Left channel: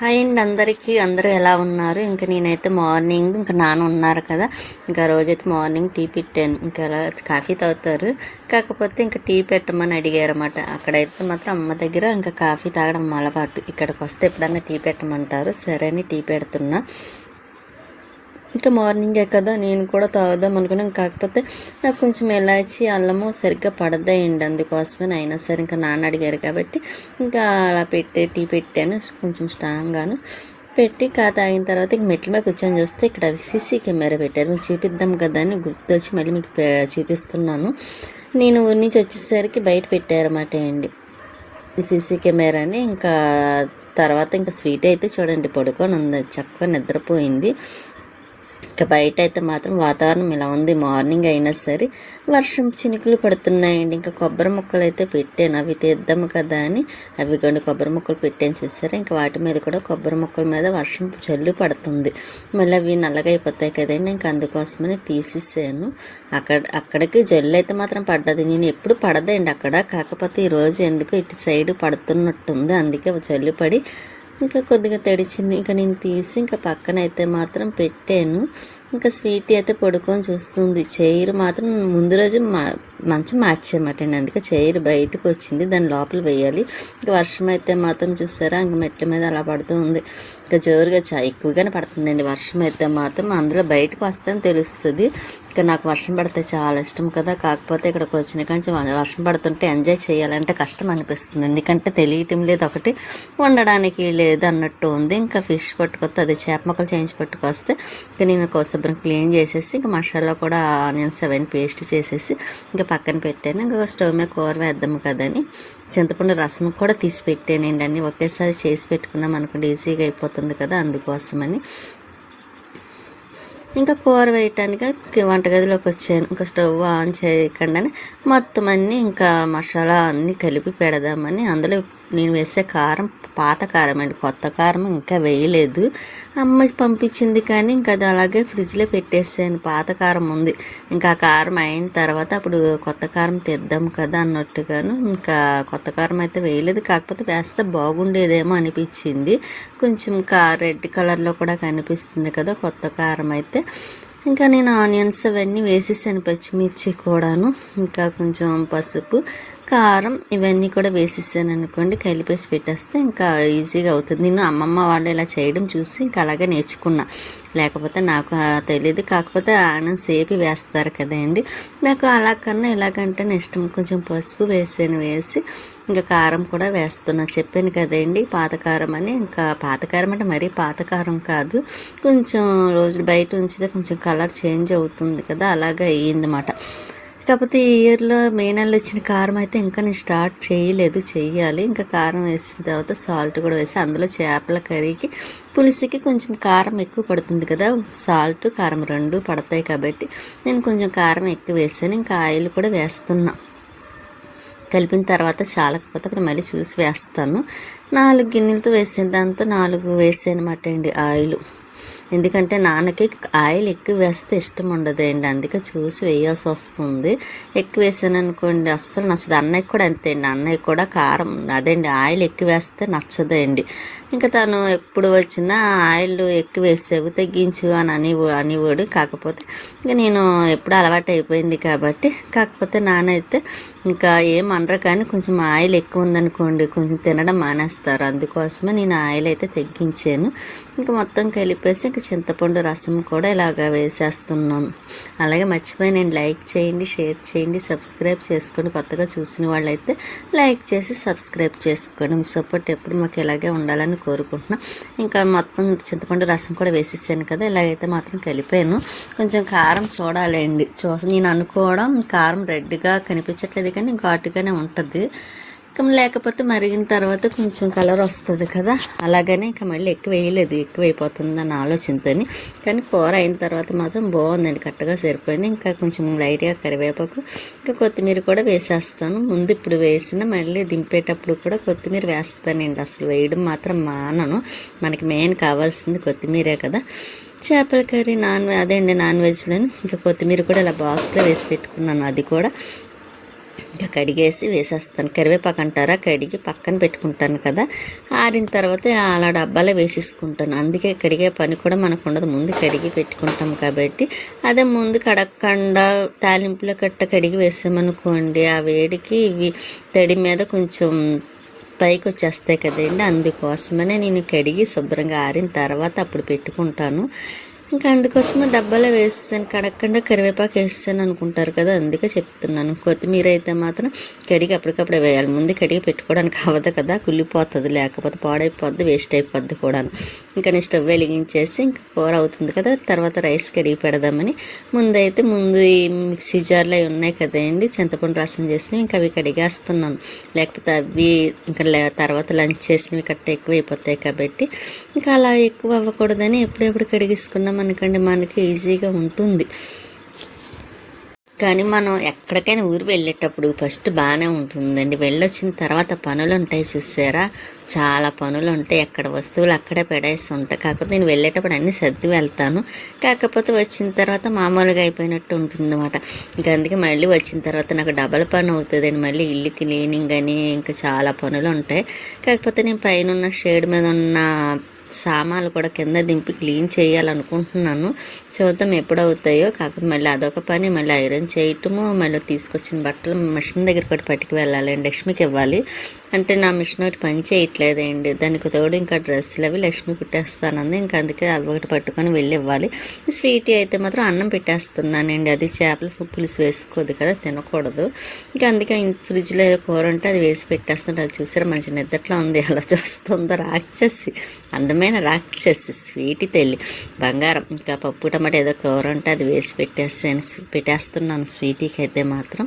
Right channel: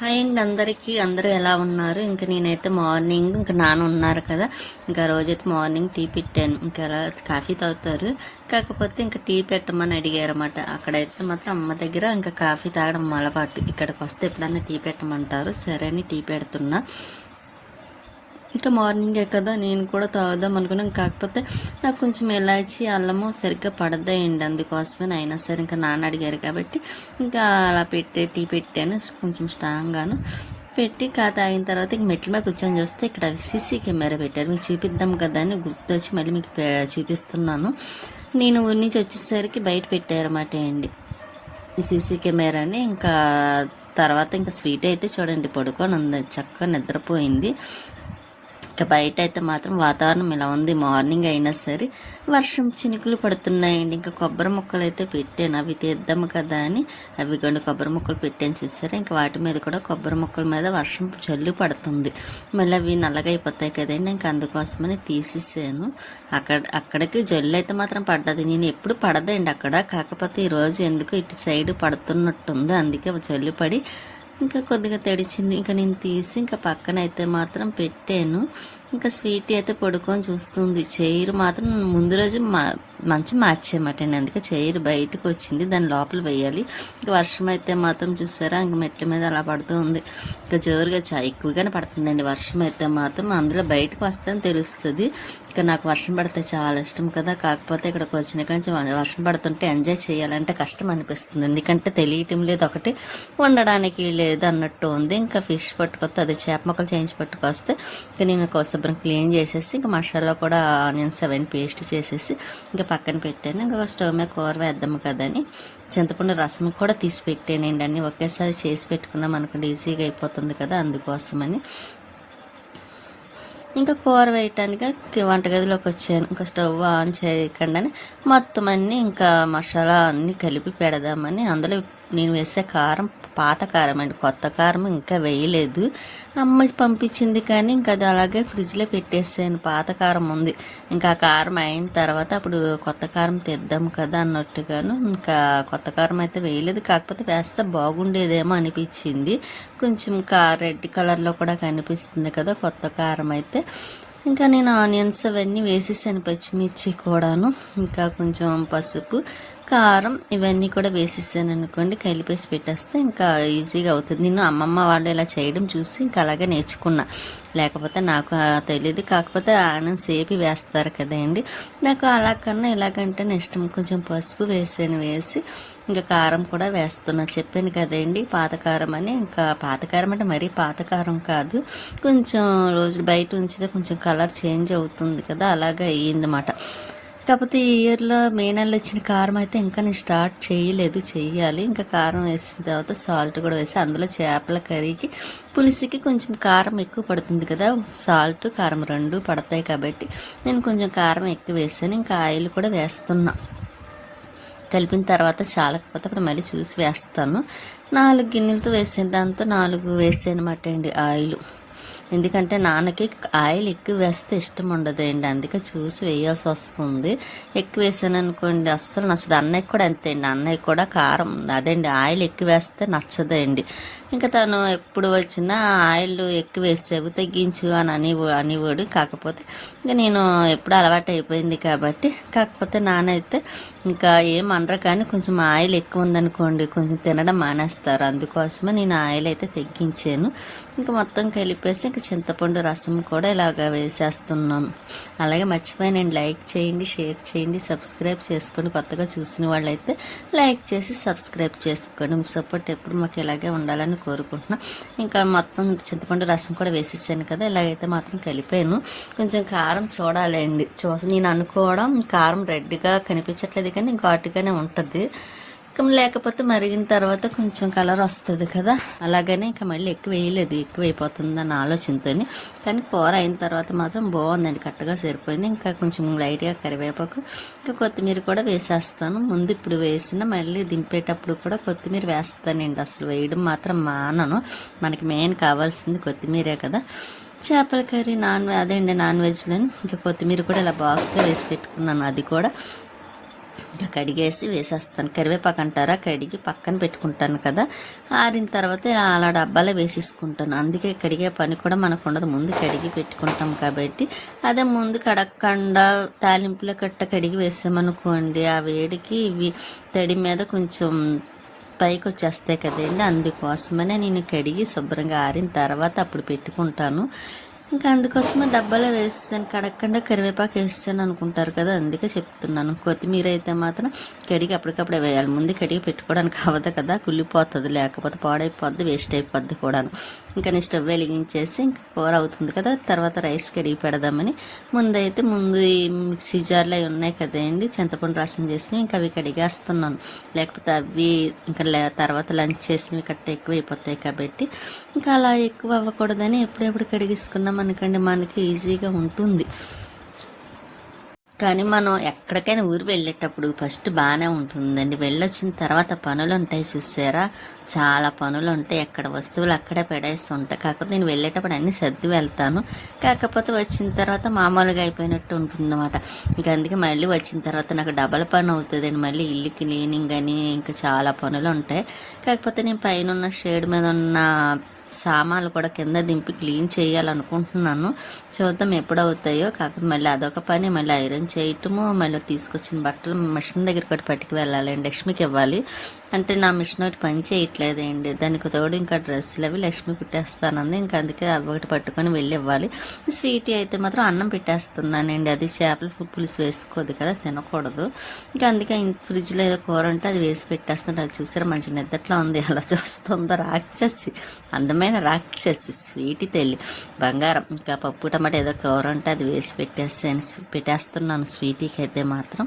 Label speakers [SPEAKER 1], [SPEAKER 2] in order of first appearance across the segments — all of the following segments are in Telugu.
[SPEAKER 1] హాయ్ అండి అందరికీ. అందరూ ఎలా ఉన్నారు? ఇంకా నేనైతే మార్నింగ్ ఇంకా నాన్న ఉన్నారు కదా. ఇంకా రోజైతే మార్నింగ్ టీ పెట్టాను. ఇంకా కాఫీ తాగుతారు. కాకపోతే ఇంకా టీ పెట్టమని అడిగారన్నమాట. అక్కడైతే మాత్రం అమ్మ దగ్గర ఇంకా కాఫీ తాగడం అలవాటు. ఇక్కడికి వస్తే ఎప్పుడన్నా టీ పెట్టమంటారు. సరే అని టీ పెడుతున్నా. ఇంకా మార్నింగే కదా నేను కూడా తాగుదాం అనుకున్నాను కాకపోతే నాకు కొంచెం ఎలాచి అల్లము సరిగ్గా పడదాయండి. అందుకోసమే అయినా సరే ఇంకా నాన్న అడిగారు కాబట్టి ఇంకా అలా పెట్టి టీ పెట్టాను. కొంచెం స్ట్రాంగ్గాను పెట్టి కా తాగిన తర్వాత ఇంక మెట్ల మీద కూర్చొని చూస్తే ఇక్కడ సీసీ కెమెరా పెట్టారు. మీకు చూపిద్దాం కదా అని గుర్తొచ్చి మళ్ళీ మీకు చూపిస్తున్నాను. నేను ఊరి నుంచి వచ్చేసరికి బయట పెట్టారన్నమాట అండి. సీసీ కెమెరాని ఇంకా తర్వాత ఇంకా స్వీట్ అయితే చూడండి పడుకొని ఉంది. చక్కగా నిద్రపోయింది. ఇంకా బయట అయితే మాత్రం వాతావరణం ఇలా ఉంది? మార్నింగ్ అయినా సరే వర్షం చినుకులు పడుతున్నాయండి. ఇంకా కొబ్బరి మొక్కలు అయితే పెట్టాను. అవి తీద్దాము కదా అని. అవి కొన్ని కొబ్బరి మొక్కలు పెట్టాను చూసారా? ఇంకా వాటి మీద కూడా కొబ్బరి మొక్కల మీద వర్షం జల్లు పడుతుంది. మళ్ళీ అవి నల్లగా అయిపోతాయి కదండి. ఇంకా అందుకోసమని తీసేసాను. అక్కడ అక్కడికి జల్లు అయితే మాత్రం పడ్డది. నేను ఎప్పుడు పడదండి అక్కడ. కాకపోతే ఈరోజు ఎందుకు ఇటు సైడ్ పడుతున్నట్టుంది. అందుకే జల్లు పడి ఇంకా కొద్దిగా తడిచింది ఇంకా నేను తీసి ఇంకా పక్కన అయితే మాత్రం పెట్టాను. ఇంకా స్వీట్ అయితే పడుకొని చూస్తుంది. చైర్ మాత్రం ముందు రోజు మా మంచం మార్చేయమాట అందుకే చైర్ బయటకు వచ్చింది. దాని లోపల వేయాలి. ఇంకా వర్షం అయితే మాత్రం చూసారా? ఇంక మెట్ల మీద అలా పడుతూ ఉంది. ఇంకా జోరుగా చా ఎక్కువగానే పడుతుందండి వర్షం అయితే మాత్రం. అందులో బయటకు వస్తాయని తెలుస్తుంది. ఇంకా నాకు వర్షం పడితే చాలా ఇష్టం కదా. కాకపోతే ఇక్కడికి వచ్చిన కానీ వర్షం పడుతుంటే ఎంజాయ్ చేయాలంటే కష్టం అనిపిస్తుంది. ఎందుకంటే తెలియటం లేదు ఒకటి. వండడానికి లేదు అన్నట్టు ఉంది. ఇంకా ఫిష్ పట్టుకొస్తే అది చేప మొక్కలు చేయించి పట్టుకొస్తే ఇంకా నేను శుభ్రం క్లీన్ చేసేసి ఇంకా మసాలా కూడా ఆనియన్స్ అవన్నీ పేస్ట్ చేసేసి ఇంకా పక్కన పెట్టాను. ఇంకా స్టవ్ మీద కూర వేద్దాము కదని చింతపండు రసం కూడా తీసి పెట్టానండి అన్నీ. ఒకేసారి చేసి పెట్టుకున్నాం అనుకోండి ఈజీగా అయిపోతుంది కదా అందుకోసమని. ఇంకా కూర వేయటానికి వంటగదిలోకి వచ్చాను. ఇంకా స్టవ్ ఆన్ చేయకుండానే మొత్తం అన్నీ ఇంకా మసాలా అన్నీ కలిపి పెడదామని అందులో నేను వేసే కారం పాత కారం అండి కొత్త కారం ఇంకా వేయలేదు. అమ్మ పంపించింది కానీ ఇంకా అది అలాగే ఫ్రిడ్జ్లో పెట్టేసాను పాత కారం ఉంది. ఇంకా కారం అయిన తర్వాత అప్పుడు కొత్త కారం తెద్దాం కదా అన్నట్టుగాను ఇంకా కొత్త కారం అయితే వేయలేదు. కాకపోతే వేస్తే బాగుండేదేమో అనిపించింది. కొంచెం కా రెడ్ కలర్లో కూడా కనిపిస్తుంది కదా కొత్త కారం అయితే. ఇంకా నేను ఆనియన్స్ అవన్నీ వేసేసాను పచ్చిమిర్చి కూడాను. ఇంకా కొంచెం పసుపు కారం ఇవన్నీ కూడా వేసేసాను అనుకోండి కలిపేసి పెట్టేస్తే ఇంకా ఈజీగా అవుతుంది. నేను అమ్మమ్మ వాళ్ళు ఇలా చేయడం చూసి ఇంకా అలాగే నేర్చుకున్నా. లేకపోతే నాకు తెలియదు కాకపోతే ఆనం సేపి వేస్తారు కదండి నాకు అలా కన్నా ఇలాగంటే ఇష్టం కొంచెం పసుపు వేసాను వేసి ఇంకా కారం కూడా వేస్తున్నా. చెప్పాను కదండి పాతకారం అని. ఇంకా పాతకారం అంటే మరీ పాతకారం కాదు. కొంచెం రోజులు బయట ఉంచితే కొంచెం కలర్ చేంజ్ అవుతుంది కదా అలాగే అయ్యిందన్నమాట. కాకపోతే ఈ ఇయర్లో మే నెలలో వచ్చిన కారం అయితే ఇంకా నేను స్టార్ట్ చేయలేదు చేయాలి ఇంకా కారం వేసిన తర్వాత సాల్ట్ కూడా వేసి అందులో చేపల కర్రీకి పులుసుకి కొంచెం కారం ఎక్కువ పడుతుంది కదా. సాల్ట్ కారం రెండు పడతాయి కాబట్టి నేను కొంచెం కారం ఎక్కువ వేసాను. ఇంకా ఆయిల్ కూడా వేస్తున్నా. కలిపిన తర్వాత చాలకపోతే అప్పుడు మళ్ళీ చూసి వేస్తాను. నాలుగు గిన్నెలతో వేసిన దాంతో నాలుగు వేసానమాట అండి ఆయిల్. ఎందుకంటే నాన్నకి ఆయిల్ ఎక్కువ వేస్తే ఇష్టం ఉండదండి అందుకే చూసి వేయాల్సి వస్తుంది. ఎక్కువ వేసాను అనుకోండి అస్సలు నచ్చదు. అన్నయ్య కూడా అంతే అండి. అన్నయ్య కూడా కారం అదండి ఆయిల్ ఎక్కువ వేస్తే నచ్చదండి ఇంకా తను ఎప్పుడు వచ్చినా ఆయిల్ ఎక్కువ వేసావు తగ్గించు అని అని అనేవాడు కాకపోతే ఇంకా నేను ఎప్పుడు అలవాటు అయిపోయింది కాబట్టి కాకపోతే నానైతే ఇంకా ఏం అనరు కానీ కొంచెం ఆయిల్ ఎక్కువ ఉందనుకోండి కొంచెం తినడం మానేస్తారు. అందుకోసమే నేను ఆయిల్ అయితే తగ్గించాను ఇంకా మొత్తం కలిపేసి ఇంకా చింతపండు రసం కూడా ఇలాగ వేసేస్తున్నాను అలాగే మర్చిపోయి నేను లైక్ చేయండి షేర్ చేయండి సబ్స్క్రైబ్ చేసుకోండి. కొత్తగా చూసిన వాళ్ళైతే లైక్ చేసి సబ్స్క్రైబ్ చేసుకోండి. సపోర్ట్ ఎప్పుడు మాకు ఇలాగే ఉండాలని కోరుకుంటున్నాను ఇంకా మొత్తం చింతపండు రసం కూడా వేసేసాను కదా ఇలాగైతే మాత్రం కలిపాను. కొంచెం కారం చూడాలండి. చూసి నేను అనుకోవడం కారం రెడ్గా కనిపించట్లేదు కానీ ఘాటుగానే ఉంటుంది. ఇంకా లేకపోతే మరిగిన తర్వాత కొంచెం కలర్ వస్తుంది కదా. అలాగనే ఇంకా మళ్ళీ ఎక్కువ వేయలేదు ఎక్కువ అయిపోతుందని ఆలోచనతో కానీ కూర అయిన తర్వాత మాత్రం బాగుందండి కరెక్ట్గా సరిపోయింది. ఇంకా కొంచెం లైట్గా కరివేపాకు ఇంకా కొత్తిమీర కూడా వేసేస్తాను. ముందు ఇప్పుడు వేసిన మళ్ళీ దింపేటప్పుడు కూడా కొత్తిమీర వేస్తానండి. అసలు వేయడం మాత్రం మానను. మనకి మెయిన్ కావాల్సింది కొత్తిమీరే కదా. చేపల కర్రీ నాన్ అదే అండి నాన్ వెజ్లోని. ఇంకా కొత్తిమీర కూడా ఇలా బాక్స్లో వేసి పెట్టుకున్నాను అది కూడా. ఇంకా కడిగేసి వేసేస్తాను. కరివేపాకు అంటారా? కడిగి పక్కన పెట్టుకుంటాను కదా. ఆరిన తర్వాత అలా డబ్బాలో వేసేసుకుంటాను. అందుకే కడిగే పని కూడా మనకు ఉండదు. ముందు కడిగి పెట్టుకుంటాం కాబట్టి. అదే ముందు కడగకుండా తాలింపులో కట్ట కడిగి వేసామనుకోండి ఆ వేడికి ఇవి తడి మీద కొంచెం పైకి వచ్చేస్తాయి కదండి. అందుకోసమనే నేను కడిగి శుభ్రంగా ఆరిన తర్వాత అప్పుడు పెట్టుకుంటాను. ఇంకా అందుకోసమే డబ్బాలో వేస్తాను కడగకుండా కరివేపాకు వేస్తాను అనుకుంటారు కదా అందుకే చెప్తున్నాను. కొత్తిమీర అయితే మాత్రం కడిగి అప్పటికప్పుడు వేయాలి. ముందు కడిగి పెట్టుకోవడానికి అవ్వదు కదా కుళ్ళిపోతుంది లేకపోతే పాడైపోద్ది వేస్ట్ అయిపోద్ది కూడాను. ఇంకా నేను స్టవ్ వెలిగించేసి ఇంకా కూర అవుతుంది కదా తర్వాత రైస్ కడిగి పెడదామని. ముందైతే ముందు ఈ మిక్సీ జార్లు అవి ఉన్నాయి కదండి చింతపండు రసం చేసినవి ఇంకా అవి కడిగేస్తున్నాను. లేకపోతే అవి ఇంకా తర్వాత లంచ్ చేసినవి కట్ట ఎక్కువ అయిపోతాయి కాబట్టి. ఇంకా అలా ఎక్కువ అవ్వకూడదని ఎప్పుడెప్పుడు కడిగేసుకున్నాం అనుకోండి మనకి ఈజీగా ఉంటుంది. కానీ మనం ఎక్కడికైనా ఊరు వెళ్ళేటప్పుడు ఫస్ట్ బాగానే ఉంటుందండి. వెళ్ళొచ్చిన తర్వాత పనులు ఉంటాయి చూసారా? చాలా పనులు ఉంటాయి ఎక్కడ వస్తువులు అక్కడే పెడేసి ఉంటాయి కాకపోతే నేను వెళ్ళేటప్పుడు అన్ని సర్ది వెళ్తాను. కాకపోతే వచ్చిన తర్వాత మామూలుగా అయిపోయినట్టు ఉంటుంది అనమాట ఇంకా అందుకే మళ్ళీ వచ్చిన తర్వాత నాకు డబల్ పని అవుతుందండి. మళ్ళీ ఇల్లు క్లీనింగ్ అని ఇంకా చాలా పనులు ఉంటాయి కాకపోతే నేను పైన ఉన్న షేడ్ మీద ఉన్న సామాన్లు కూడా కింద దింపి క్లీన్ చేయాలనుకుంటున్నాను. చూద్దాం ఎప్పుడు అవుతాయో కాకపోతే మళ్ళీ అదొక పని. మళ్ళీ ఐరన్ చేయటము మళ్ళీ తీసుకొచ్చిన బట్టలు మిషన్ దగ్గర కూడా పట్టుకు వెళ్ళాలి లక్ష్మికి ఇవ్వాలి. అంటే నా మిషన్ ఒకటి పని చేయట్లేదండి. దానికి తోడు ఇంకా డ్రెస్సులు అవి లక్ష్మి పెట్టేస్తానంది ఇంకా అందుకే అవి ఒకటి పట్టుకొని వెళ్ళి ఇవ్వాలి. స్వీటీ అయితే మాత్రం అన్నం పెట్టేస్తున్నానండి. అది చేపల పులుసు వేసుకోదు కదా తినకూడదు. ఇంకా అందుకే ఫ్రిడ్జ్లో ఏదో కూర ఉంటే అది వేసి పెట్టేస్తుంటే అది చూసారా? మంచి నిద్రలో ఉంది. అలా చూస్తుందో రాక్షసి. అందమైన రాక్షసి. స్వీటీ తెల్లి. బంగారం. ఇంకా పప్పు టమాటా ఏదో కూర ఉంటే అది వేసి పెట్టేస్తాను పెట్టేస్తున్నాను స్వీటీకి అయితే మాత్రం.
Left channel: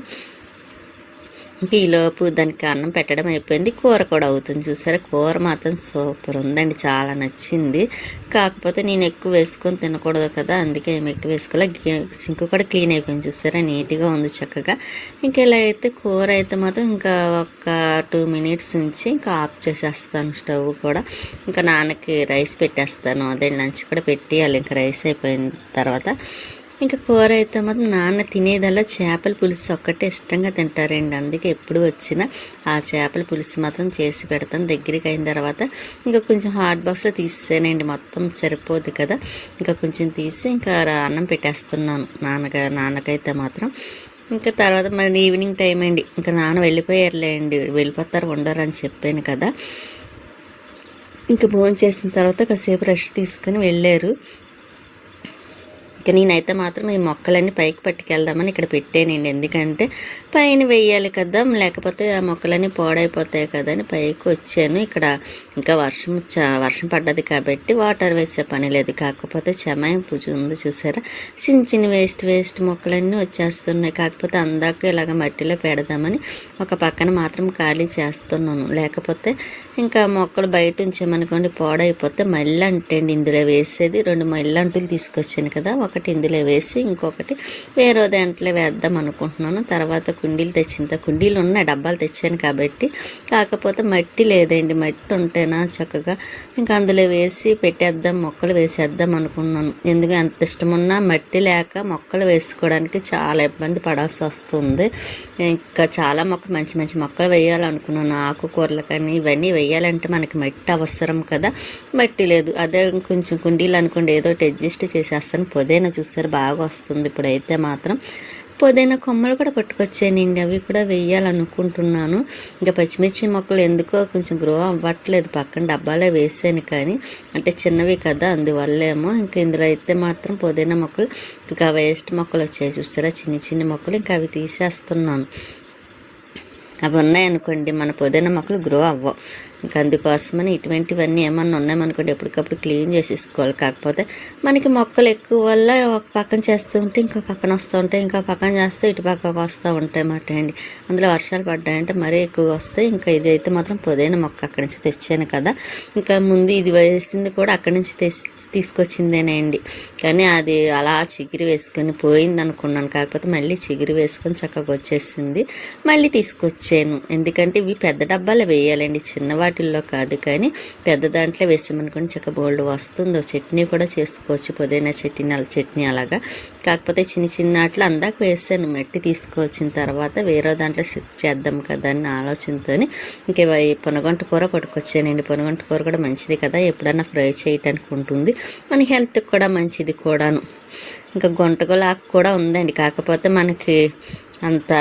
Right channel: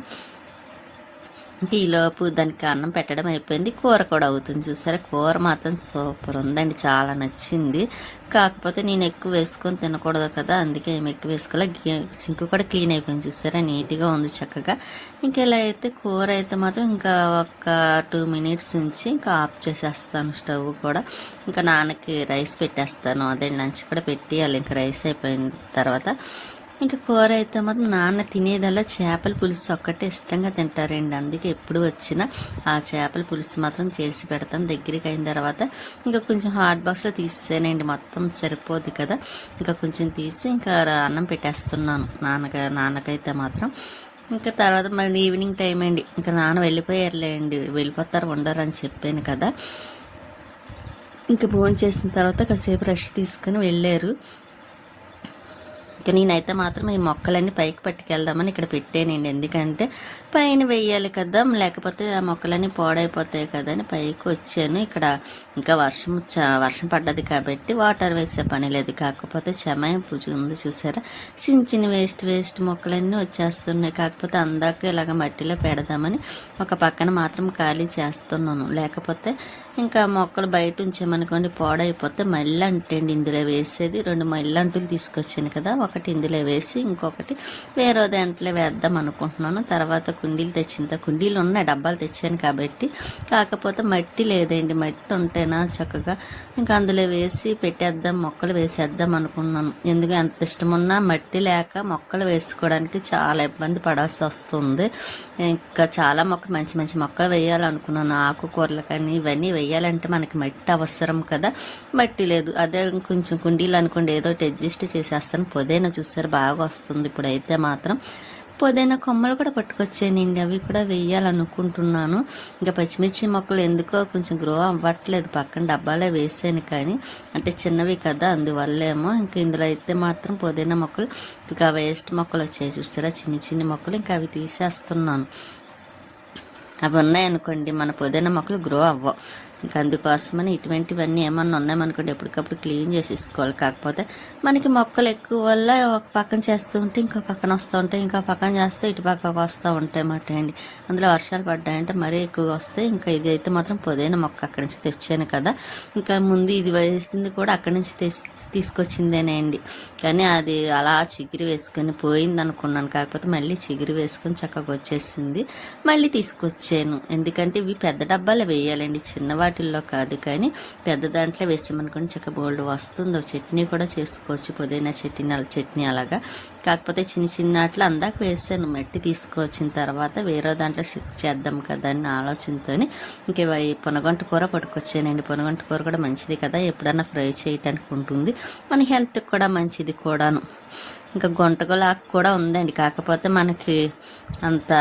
[SPEAKER 1] ఈలోపు దానికి అన్నం పెట్టడం అయిపోయింది. కూర కూడా అవుతుంది చూసారా? కూర మాత్రం సూపర్ ఉందండి. చాలా నచ్చింది. కాకపోతే నేను ఎక్కువ వేసుకొని తినకూడదు కదా. అందుకే ఏమి ఎక్కువ వేసుకోలే. సింక్ కూడా క్లీన్ అయిపోయింది చూసారా? నీట్గా ఉంది చక్కగా. ఇంకా ఇలా అయితే కూర అయితే మాత్రం ఇంకా ఒక టూ మినిట్స్ ఉంచి ఇంకా ఆఫ్ చేసేస్తాను స్టవ్ కూడా. ఇంకా నాన్నకి రైస్ పెట్టేస్తాను. అదే లంచ్ కూడా పెట్టేయాలి. ఇంకా రైస్ అయిపోయిన తర్వాత. ఇంకా కూర అయితే మాత్రం నాన్న తినేదల్లా చేపల పులుసు ఒక్కటే ఇష్టంగా తింటారండి. అందుకే ఎప్పుడు వచ్చినా ఆ చేపల పులుసు మాత్రం చేసి పెడతాను. దగ్గరికి అయిన తర్వాత ఇంకా కొంచెం హాట్ బాక్స్లో తీసేనండి మొత్తం సరిపోదు కదా. ఇంకా కొంచెం తీసి ఇంకా రా- అన్నం పెట్టేస్తున్నాను నాన్నగా నాన్నకైతే మాత్రం. ఇంకా తర్వాత మరి ఈవినింగ్ టైం అండి. ఇంకా నాన్న వెళ్ళిపోయారులేండి. వెళ్ళిపోతారు ఉండరు అని చెప్పాను కదా. ఇంకా భోజనం చేసిన తర్వాత కాసేపు రెస్ట్ తీసుకొని వెళ్ళారు. ఇక నేనైతే మాత్రం ఈ మొక్కలన్నీ పైకి పట్టుకెళ్దామని ఇక్కడ పెట్టానండి. ఎందుకంటే పైన వెయ్యాలి కదా లేకపోతే ఆ మొక్కలన్నీ పాడైపోతాయి కదా అని పైకి వచ్చాను. ఇక్కడ ఇంకా వర్షం వర్షం పడ్డది కాబట్టి వాటర్ వేసే పని లేదు. కాకపోతే చెమాయం పూజ ఉంది చూసారా? చిన్న చిన్న వేస్ట్ వేస్ట్ మొక్కలన్నీ వచ్చేస్తున్నాయి. కాకపోతే అందాక ఇలాగ మట్టిలో పెడదామని ఒక పక్కన మాత్రం ఖాళీ చేస్తున్నాను. లేకపోతే ఇంకా మొక్కలు బయట ఉంచామనుకోండి పాడైపోతే మళ్ళీ అంటండి. ఇందులో వేసేది రెండు మళ్ళీ అంటులు తీసుకొచ్చాను కదా ఒక ఒకటి ఇందులో వేసి ఇంకొకటి వేరే దాంట్లో వేద్దాం అనుకుంటున్నాను. తర్వాత కుండీలు తెచ్చింత కుండీలు ఉన్నాయి డబ్బాలు తెచ్చాను కాబట్టి కాకపోతే మట్టి లేదండి. మట్టి ఉంటేనా చక్కగా ఇంకా అందులో వేసి పెట్టేద్దాం మొక్కలు వేసేద్దాం అనుకున్నాను. ఎందుకు ఎంత ఇష్టం ఉన్నా మట్టి లేక మొక్కలు వేసుకోవడానికి చాలా ఇబ్బంది పడాల్సి వస్తుంది. ఇంకా చాలా మొక్కలు మంచి మంచి మొక్కలు వేయాలనుకున్నాను. ఆకుకూరలు కానీ ఇవన్నీ వేయాలంటే మనకి మట్టి అవసరం కదా. మట్టి లేదు. అదే కొంచెం కుండీలు అనుకోండి ఏదో అడ్జస్ట్ చేసేస్తాను. పుదీనా చూసారు బాగా వస్తుంది ఇప్పుడైతే మాత్రం పుదీనా కొమ్మలు కూడా పట్టుకొచ్చానండి అవి కూడా వేయాలనుకుంటున్నాను. ఇంకా పచ్చిమిర్చి మొక్కలు ఎందుకో కొంచెం గ్రో అవ్వట్లేదు. పక్కన డబ్బాలో వేసాను కానీ అంటే చిన్నవి కదా అందువల్లేమో. ఇంకా ఇందులో అయితే మాత్రం పుదీనా మొక్కలు ఇంకా వేస్ట్ మొక్కలు వచ్చాయి చూసారా చిన్ని చిన్ని మొక్కలు. ఇంకా అవి తీసేస్తున్నాను. అవి ఉన్నాయనుకోండి మన పుదీనా మొక్కలు గ్రో అవ్వవు. ఇంకా అందుకోసమని ఇటువంటివన్నీ ఏమన్నా ఉన్నాయనుకోండి ఎప్పటికప్పుడు క్లీన్ చేసేసుకోవాలి. కాకపోతే మనకి మొక్కలు ఎక్కువ వల్ల ఒక పక్కన చేస్తూ ఉంటే ఇంకో పక్కన వస్తూ ఉంటాయి ఇంకో పక్కన చేస్తే ఇటు పక్కకు వస్తూ ఉంటాయి మాట అండి. అందులో వర్షాలు పడ్డాయంటే మరీ ఎక్కువగా వస్తాయి. ఇంకా ఇది అయితే మాత్రం పొదైన మొక్క అక్కడి నుంచి తెచ్చాను కదా. ఇంకా ముందు ఇది వేసింది కూడా అక్కడి నుంచి తెస్- తీసుకొచ్చిందేనండి కానీ అది అలా చిగిరి వేసుకొని పోయింది అనుకున్నాను కాకపోతే మళ్ళీ చిగిరి వేసుకొని చక్కగా వచ్చేసింది. మళ్ళీ తీసుకొచ్చాను. ఎందుకంటే ఇవి పెద్ద డబ్బాలు వేయాలండి. చిన్నవాటి వాటిల్లో కాదు కానీ పెద్ద దాంట్లో వేసామనుకోండి చక్క బోల్డ్ వస్తుందో. చట్నీ కూడా చేసుకోవచ్చు పుదీనా చట్నీ అలా చట్నీ అలాగా. కాకపోతే చిన్న చిన్న వాటిలో అందాక వేసాను మట్టి తీసుకొచ్చిన తర్వాత వేరే దాంట్లో షిఫ్ట్ చేద్దాం కదా అని ఆలోచనతో ఇంకా పొనగంట కూర పట్టుకొచ్చానండి. పొనగంట కూర కూడా మంచిది కదా ఎప్పుడైనా ఫ్రై చేయటానికి ఉంటుంది. మన హెల్త్కి కూడా మంచిది కూడాను. ఇంకా గొంటగోలాకు కూడా ఉందండి. కాకపోతే మనకి అంత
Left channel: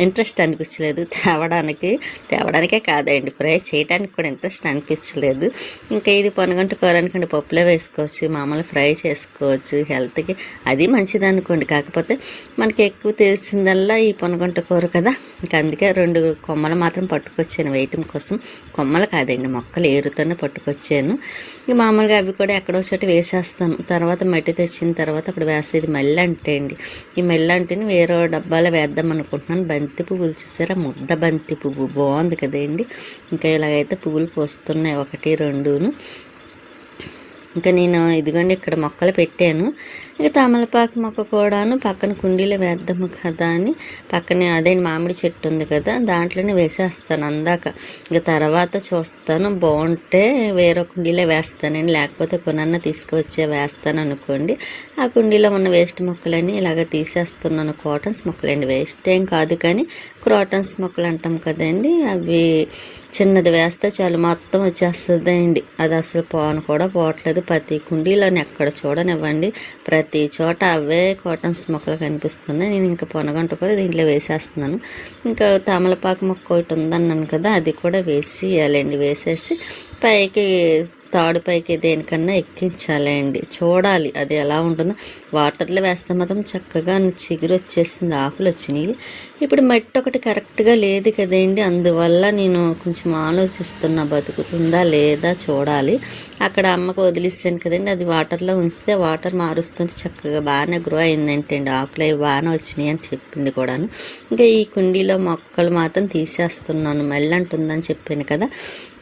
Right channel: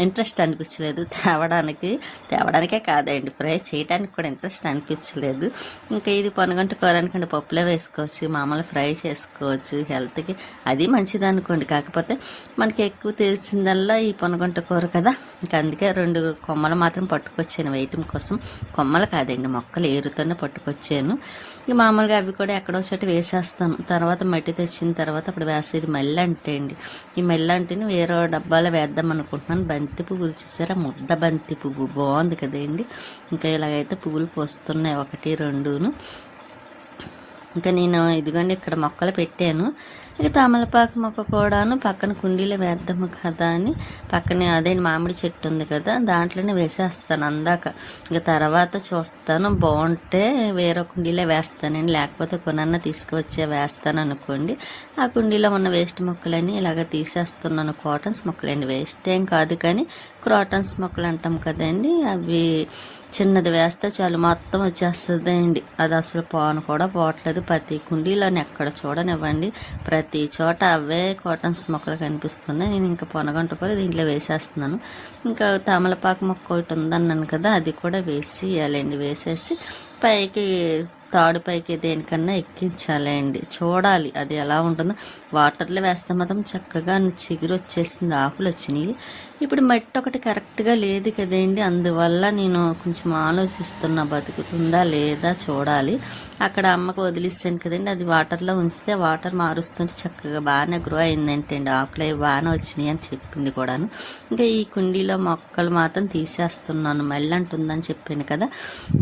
[SPEAKER 1] ఇంట్రెస్ట్ అనిపించలేదు. తేవడానికి తేవడానికే కాదండి. ఫ్రై చేయడానికి కూడా ఇంట్రెస్ట్ అనిపించలేదు. ఇంకా ఇది పొనగంట కూర అనుకోండి పప్పులో వేసుకోవచ్చు మామూలు ఫ్రై చేసుకోవచ్చు హెల్త్కి అది మంచిది అనుకోండి. కాకపోతే మనకి ఎక్కువ తెలిసిందల్లా ఈ పొనగంట కూర కదా. ఇంకా అందుకే రెండు కొమ్మలు మాత్రం పట్టుకొచ్చాను వేయటం కోసం. కొమ్మలు కాదండి మొక్కలు ఏరుతోనే పట్టుకొచ్చాను. ఇంక మామూలుగా అవి కూడా ఎక్కడో చోట వేసేస్తాను తర్వాత మట్టి తెచ్చిన తర్వాత అప్పుడు వేసేది మెల్ల అంటే అండి. ఈ మెల్ల అంటేని వేరే డబ్బాలో వేద్దాం అనుకుంటున్నాను బంతి పువ్వులు చూసారా? ముద్ద బంతి పువ్వు. బాగుంది కదండి. ఇంకా ఇలాగైతే పువ్వులు పోస్తున్నాయి. ఒకటి రెండును. ఇంకా నేను ఇదిగోండి ఇక్కడ మొక్కలు పెట్టాను. ఇక తమలపాకు మొక్క కూడాను పక్కన కుండీలో వేద్దాము కదా అని. పక్కనే అదే మామిడి చెట్టు ఉంది కదా దాంట్లోనే వేసేస్తాను అందాక. ఇక తర్వాత చూస్తాను బాగుంటే వేరే కుండీలో వేస్తానండి లేకపోతే కొనన్న తీసుకువచ్చే వేస్తాను అనుకోండి. ఆ కుండీలో ఉన్న వేస్ట్ మొక్కలని ఇలాగ తీసేస్తున్నాను. కాటన్స్ మొక్కలండి. వేస్ట్ ఏం కాదు కానీ క్రాటన్స్ మొక్కలు అంటాం కదండి. అవి చిన్నది వేస్తే చాలు మొత్తం వచ్చేస్తుంది అండి అది అసలు పోను కూడా పోవట్లేదు. ప్రతి కుండీలను ఎక్కడ చూడనివ్వండి. ప్రతి ప్రతి చోట అవే కాటన్స్ మొక్కలు కనిపిస్తున్నాయి. నేను ఇంకా పొనగంట కూడా దీంట్లో వేసేస్తున్నాను. ఇంకా తమలపాకు మొక్క ఒకటి ఉందన్నాను కదా అది కూడా వేసేయాలండి. వేసేసి పైకి తాడు పైకి దేనికన్నా ఎక్కించాలండి. చూడాలి అది ఎలా ఉంటుందో. వాటర్లో వేస్తే మాత్రం చక్కగా చిగురు వచ్చేసింది ఆకులు వచ్చినాయి. ఇప్పుడు మట్టి ఒకటి కరెక్ట్గా లేదు కదండి. అందువల్ల నేను కొంచెం ఆలోచిస్తున్నా బతుకుతుందా లేదా చూడాలి. అక్కడ అమ్మకు వదిలిస్తాను కదండి. అది వాటర్లో ఉంచితే వాటర్ మారుస్తుంటే చక్కగా బాగానే గ్రో అయిందంటే అండి ఆకులు అవి బాగానే వచ్చినాయి అని చెప్పింది కూడాను. ఇంకా ఈ కుండీలో మొక్కలు మాత్రం తీసేస్తున్నాను. మళ్ళీ అంటుందని చెప్పాను కదా.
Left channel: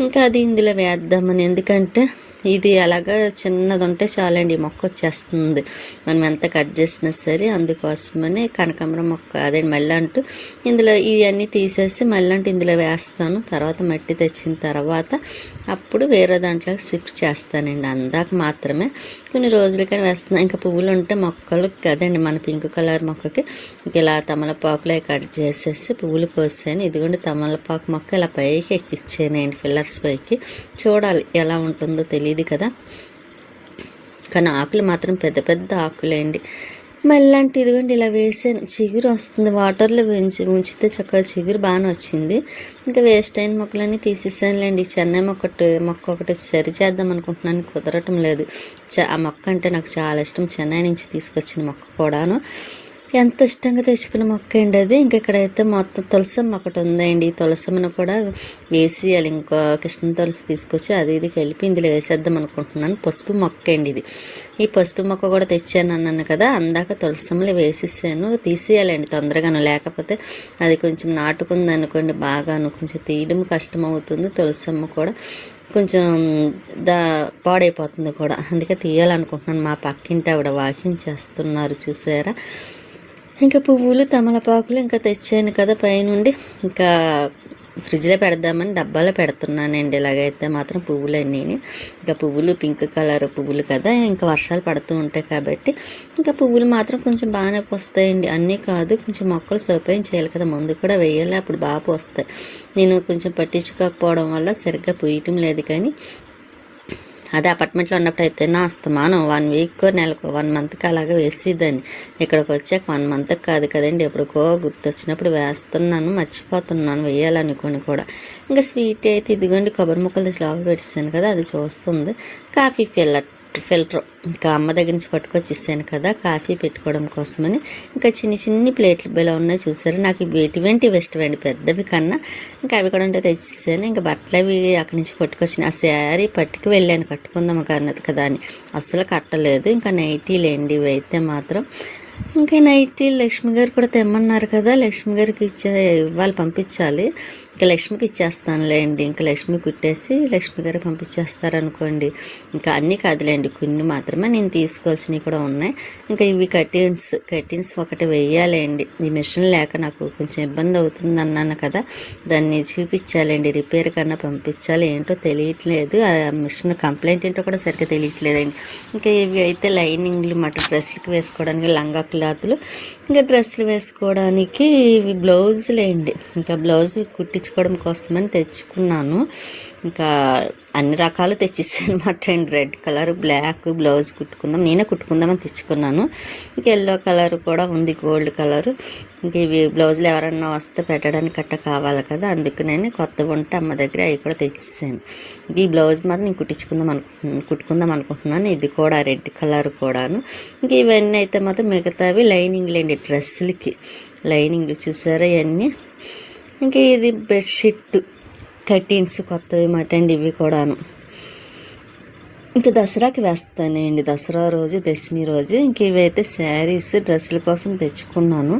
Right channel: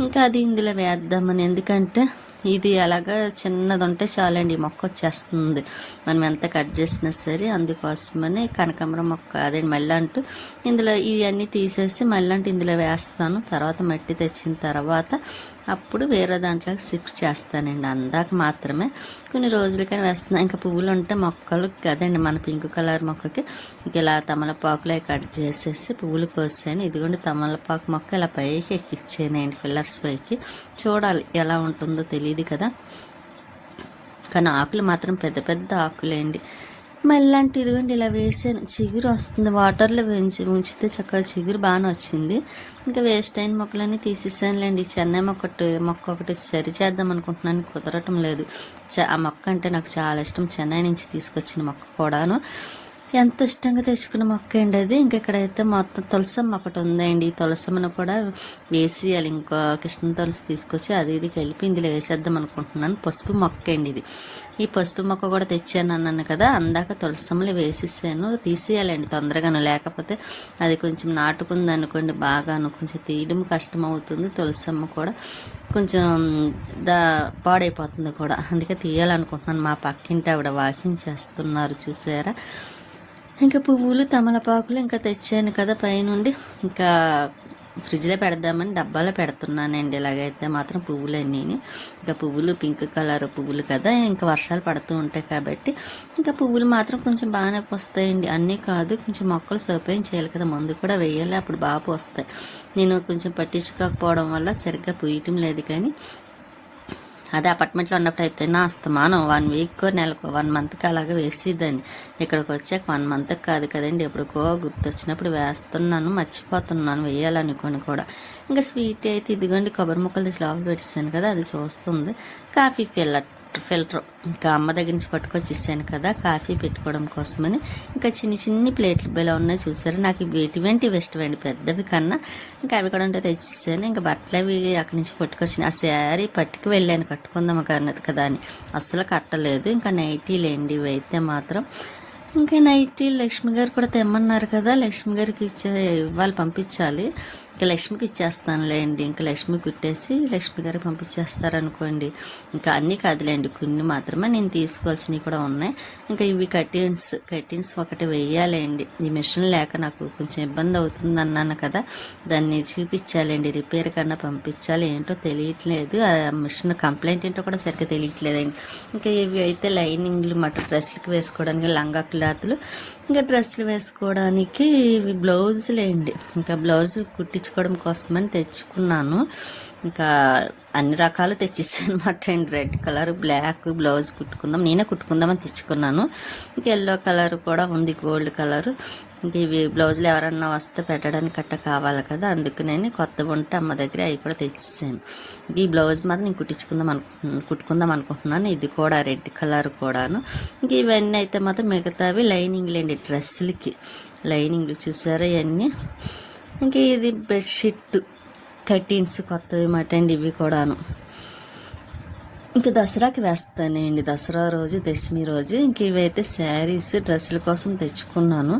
[SPEAKER 1] ఇంకా అది ఇందులో వేద్దామని. ఎందుకంటే ఇది అలాగా చిన్నది ఉంటే చాలండి ఈ మొక్క వచ్చేస్తుంది మనం ఎంత కట్ చేసినా సరే అందుకోసమని కనకాంబరం మొక్క అదే మళ్ళీ అంటూ. ఇందులో ఇవన్నీ తీసేసి మళ్ళీ అంటూ ఇందులో వేస్తాను. తర్వాత మట్టి తెచ్చిన తర్వాత అప్పుడు వేరే దాంట్లో షిఫ్ట్ చేస్తానండి. అందాక మాత్రమే. కొన్ని రోజులకని వేస్తున్నాను ఇంకా పువ్వులు ఉంటే మొక్కలు కదండి మన పింక్ కలర్ మొక్కకి. ఇలా తమలపాకులే కట్ చేసేసి పువ్వులు కోసాను. ఇదిగోండి తమలపాకు మొక్క ఇలా పైకి ఎక్కిచ్చానండి ఫిల్లర్స్ పైకి. చూడాలి ఎలా ఉంటుందో తెలియదు కదా. కానీ ఆకులు మాత్రం పెద్ద పెద్ద ఆకులేండి. మళ్ళీ ఇదిగోండి ఇలా వేసాను. చిగురు వస్తుంది. వాటర్లో ఉంచి ఉంచితే చక్కగా చిగురు బాగానే వచ్చింది. ఇంకా వేస్ట్ అయిన మొక్కలన్నీ తీసేసానులేండి. చెన్నై మొక్కటి మొక్క ఒకటి సరి చేద్దాం అనుకుంటున్నాను. కుదరటం లేదు. చ- ఆ మొక్క అంటే నాకు చాలా ఇష్టం. చెన్నై నుంచి తీసుకొచ్చిన మొక్క కూడాను. ఎంత ఇష్టంగా తెచ్చుకున్న మొక్క అండి అది. ఇంక ఇక్కడైతే మొత్తం తులసమ్మ ఒకటి ఉందండి. ఈ తులసమ్మను కూడా వేసేయాలి ఇంకో కృష్ణ తులసి తీసుకొచ్చి అది ఇది కలిపి ఇందులో వేసేద్దాం అనుకుంటున్నాను. పసుపు మొక్క అండి ఇది. ఈ పసుపు మొక్క కూడా తెచ్చాను అన్నాను కదా అందాక తులసమ్మలు వేసేసాను. తీసేయాలండి తొందరగాను. లేకపోతే అది కొంచెం నాటుకుంది అనుకోండి బాగాను కొంచెం తీయడం కష్టం అవుతుంది తులసమ్మ కూడా కొంచెం దా పాడైపోతుంది కూడా. అందుకే తీయాలనుకుంటున్నాను. మా పక్కింటి ఆవిడ వాకింగ్ చేస్తున్నారు చూసారా? ఇంకా పువ్వులు తమలపాకులు ఇంకా తెచ్చాను కదా పైనుండి. ఇంకా ఫ్రిడ్జ్లో పెడదామని డబ్బాలో పెడుతున్నానండి. ఇలాగైతే మాత్రం పువ్వులన్నీ. ఇంకా పువ్వులు పింక్ కలర్ పువ్వులు కదా ఇంకా వర్షాలు పడుతూ ఉంటాయి కాబట్టి. ఇంకా పువ్వులు మాత్రం కొంచెం బాగానే వస్తాయండి అన్నీ కాదు కొంచెం మొక్కలు సోపాయం చేయాలి కదా. ముందు కూడా వేయాలి అప్పుడు బాగా వస్తాయి నేను కొంచెం పట్టించుకోకపోవడం వల్ల సరిగ్గా పూయటం లేదు కానీ అదే అపార్ట్మెంట్లో ఉన్నప్పుడు అయితే నా అస్తమానం వన్ వీక్ నెలకు వన్ మంత్కి అలాగే వేసేదాన్ని. ఇక్కడికి వచ్చాక వన్ మంత్కి కాదు కదండి ఎప్పుడుకో గుర్తొచ్చినప్పుడు వేస్తున్నాను మర్చిపోతున్నాను వేయాలనుకోని కూడా. ఇంకా స్వీట్ అయితే ఇదిగోండి కొబ్బరి ముక్కలు తెచ్చి లోపల పెట్టేసాను కదా అది చూస్తుంది. కాఫీ ఫిల్లర్ ఫిల్టర్ ఇంకా అమ్మ దగ్గర నుంచి పట్టుకొచ్చి ఇస్తాను కదా కాఫీ పెట్టుకోవడం కోసమని. ఇంకా చిన్ని చిన్ని ప్లేట్లు బిలో ఉన్నాయి చూసారు? నాకు ఇవి ఎటువంటి ఇష్టమండి పెద్దవి కన్నా. ఇంకా అవి కూడా ఉంటే తెచ్చిస్తాను ఇంకా బట్టలు అవి అక్కడి నుంచి పట్టుకొచ్చిన. ఆ శారీ పట్టుకు వెళ్ళాను కట్టుకుందాం అన్నది కదా అని. అస్సలు కట్టలేదు. ఇంకా నైటీలేండి ఇవి అయితే మాత్రం. ఇంకా నైటీ లక్ష్మి గారు కూడా తెమ్మన్నారు కదా లక్ష్మి గారికి ఇచ్చే ఇవ్వాలి పంపించాలి. ఇంకా లక్ష్మికి ఇచ్చేస్తానులేండి ఇంకా లక్ష్మి కుట్టేసి లక్ష్మి గారు పంపించేస్తారనుకోండి. ఇంకా అన్నీ కాదులేండి. కొన్ని మాత్రమే నేను తీసుకోవాల్సినవి కూడా ఉన్నాయి. ఇంకా ఇవి కటిన్స్ కటిన్స్ ఒకటి వేయాలండి. ఈ మిషన్ లేక నాకు కొంచెం ఇబ్బంది అవుతుంది అన్నాను కదా. దాన్ని చూపించాలండి. రిపేర్ కన్నా పంపించాలి. ఏంటో తెలియట్లేదు. ఆ మిషన్ కంప్లైంట్ ఏంటో కూడా సరిగ్గా తెలియట్లేదండి. ఇంకా ఇవి అయితే లైనింగ్లు మటు డ్రెస్లకి వేసుకోవడానికి లంగా క్లాత్లు. ఇంకా డ్రెస్సులు వేసుకోవడానికి ఇవి బ్లౌజులేండి. ఇంకా బ్లౌజులు కుట్టి కుట్టించుకోవడం కోసమని తెచ్చుకున్నాను. ఇంకా అన్ని రకాలు తెచ్చేసాను అనమాట అండి రెడ్ కలర్ బ్లాక్ బ్లౌజ్ కుట్టుకుందాం. నేనే కుట్టుకుందామని తెచ్చుకున్నాను. ఇంకా ఎల్లో కలర్ కూడా ఉంది గోల్డ్ కలర్. ఇంక ఇవి బ్లౌజులు ఎవరన్నా వస్తే పెట్టడానికి కట్ట కావాలి కదా. అందుకు నేను కొత్త ఉంటే అమ్మ దగ్గర అవి కూడా తెచ్చేసాను. ఈ బ్లౌజ్ మాత్రం నేను కుట్టించుకుందాం అనుకుంటున్నాను కుట్టుకుందాం అనుకుంటున్నాను. ఇది కూడా రెడ్ కలర్ కూడాను. ఇంక ఇవన్నీ అయితే మాత్రం మిగతావి లైనింగ్ లేండి డ్రెస్సులకి. లైనింగ్లు చూసారా ఇవన్నీ? ఇంకా ఇది బెడ్షీట్ కర్టీన్స్ కొత్తవి మాట అండి ఇవి కూడాను. ఇంకా దసరాకి వేస్తానండి. దసరా రోజు దశమి రోజు ఇంక ఇవైతే శారీస్ డ్రెస్సుల కోసం తెచ్చుకున్నాను.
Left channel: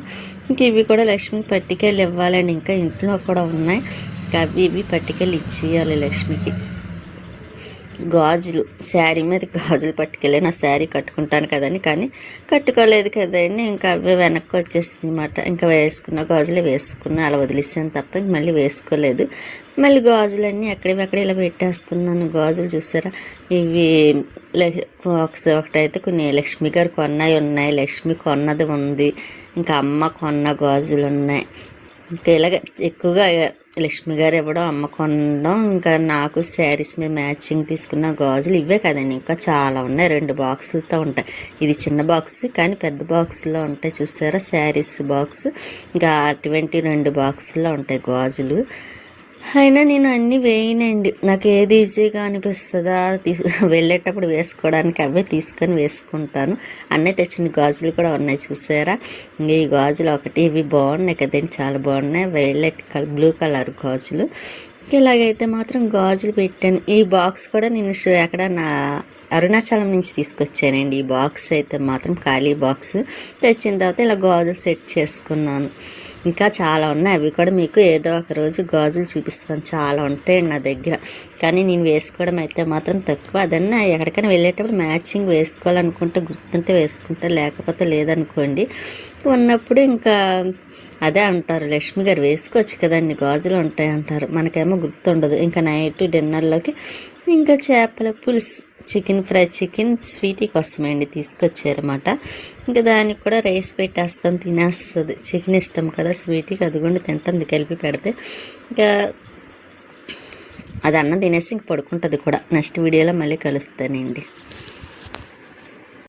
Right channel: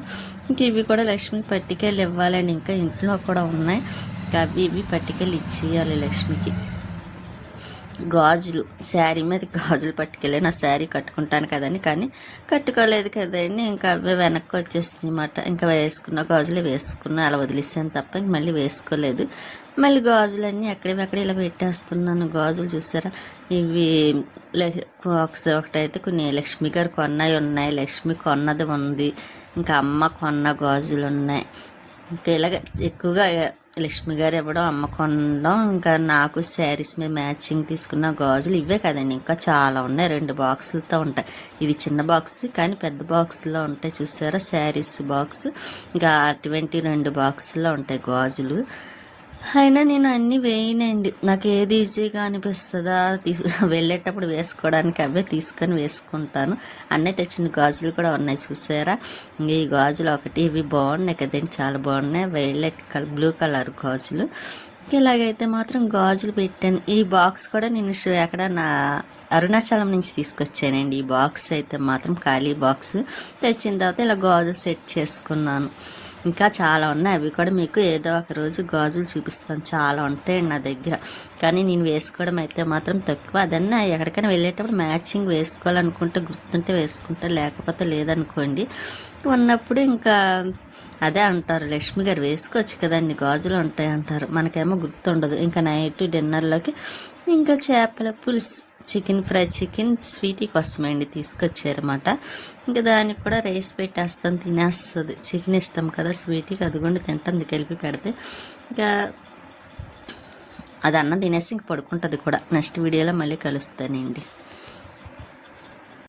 [SPEAKER 1] ఇంక ఇవి కూడా లక్ష్మి పట్టికెళ్ళి ఇవ్వాలని ఇంకా ఇంట్లో కూడా ఉన్నాయి. ఇంకా అవి ఇవి పట్టికెళ్ళి ఇచ్చేయాలి లక్ష్మికి. గాజులు శారీ మీద గాజులు పట్టుకెళ్ళి నా శారీ కట్టుకుంటాను కదని కానీ కట్టుకోలేదు కదండి. ఇంకా అవే వెనక్కి వచ్చేసింది అనమాట ఇంకా వేసుకున్న గాజులు వేసుకున్నా అలా వదిలేసాను తప్ప ఇంక మళ్ళీ వేసుకోలేదు. మళ్ళీ గాజులన్నీ ఎక్కడివి ఇలా పెట్టేస్తున్నాను. గాజులు చూసారా? ఇవి ఒకసారి ఒకటైతే కొన్ని లక్ష్మి గారు కొన్నాయి ఉన్నాయి. లక్ష్మి కొన్నది ఉంది. ఇంకా అమ్మ కొన్న గాజులు ఉన్నాయి. ఇంకా ఇలాగ ఎక్కువగా లక్ష్మి గారు ఇవ్వడం అమ్మ కొనడం ఇంకా నాకు శారీస్ మీద మ్యాచింగ్ తీసుకున్న గాజులు ఇవే కదండి. ఇంకా చాలా ఉన్నాయి. రెండు బాక్సులతో ఉంటాయి. ఇది చిన్న బాక్స్ కానీ పెద్ద బాక్స్లో ఉంటాయి. చూసారా? Saris box. ఇంకా అటువంటి రెండు బాక్సుల్లో ఉంటాయి గాజులు. అయినా నేను అన్నీ వేయనండి. నాకు ఏది ఈజీగా అనిపిస్తుందా వెళ్ళేటప్పుడు వేసుకోవడానికి అవే తీసుకొని వేసుకుంటాను. అన్నీ తెచ్చిన గాజులు కూడా ఉన్నాయి చూసారా? ఈ గాజులు ఒకటి ఇవి బాగున్నాయి కదండి చాలా బాగున్నాయి. వైలెట్ కలర్ బ్లూ కలర్ గాజులు. ఇలాగైతే మాత్రం గాజులు పెట్టాను. ఈ బాక్స్ కూడా నేను ఎక్కడ నా అరుణాచలం నుంచి తీసుకొచ్చానండి. ఈ బాక్స్ అయితే మాత్రం ఖాళీ బాక్స్. తెచ్చిన తర్వాత ఇలా గాజులు సెట్ చేసుకున్నాను. ఇంకా చాలా ఉన్నాయి. అవి కూడా మీకు ఏదో ఒక రోజు గాజులు చూపిస్తాను. చాలా ఉంటాయి నా దగ్గర. కానీ నేను వేసుకోవడం అయితే మాత్రం తక్కువ. అదన్నా ఎక్కడికైనా వెళ్ళేటప్పుడు మ్యాచింగ్ వేసుకోవాలనుకుంటే గుర్తుంటే వేసుకుంటే లేకపోతే లేదనుకోండి. ఉన్నప్పుడు ఇంకా అదే అంటారు. లక్ష్మి గారు వేసుకోవచ్చు కదండి. గాజులు ఉంటాయి అంటారు. మనకేమో గుర్తుండదు. ఇంకా నైట్ డిన్నర్లోకి ఇంకా చేపల పులుసు చికెన్ ఫ్రై చికెన్ స్వీటీ కోసమండి తీసుకొచ్చారన్నమాట. ఇంకా దానికి కూడా రైస్ పెట్టేస్తాను తినేస్తుంది. చికెన్ ఇష్టం కదా స్వీటీకి అది కూడా తింటుంది కలిపి పెడితే. ఇంకా అది అన్నం తినేసి ఇంక పడుకుంటుంది కూడా. నెక్స్ట్ వీడియోలో మళ్ళీ కలుస్తానండి.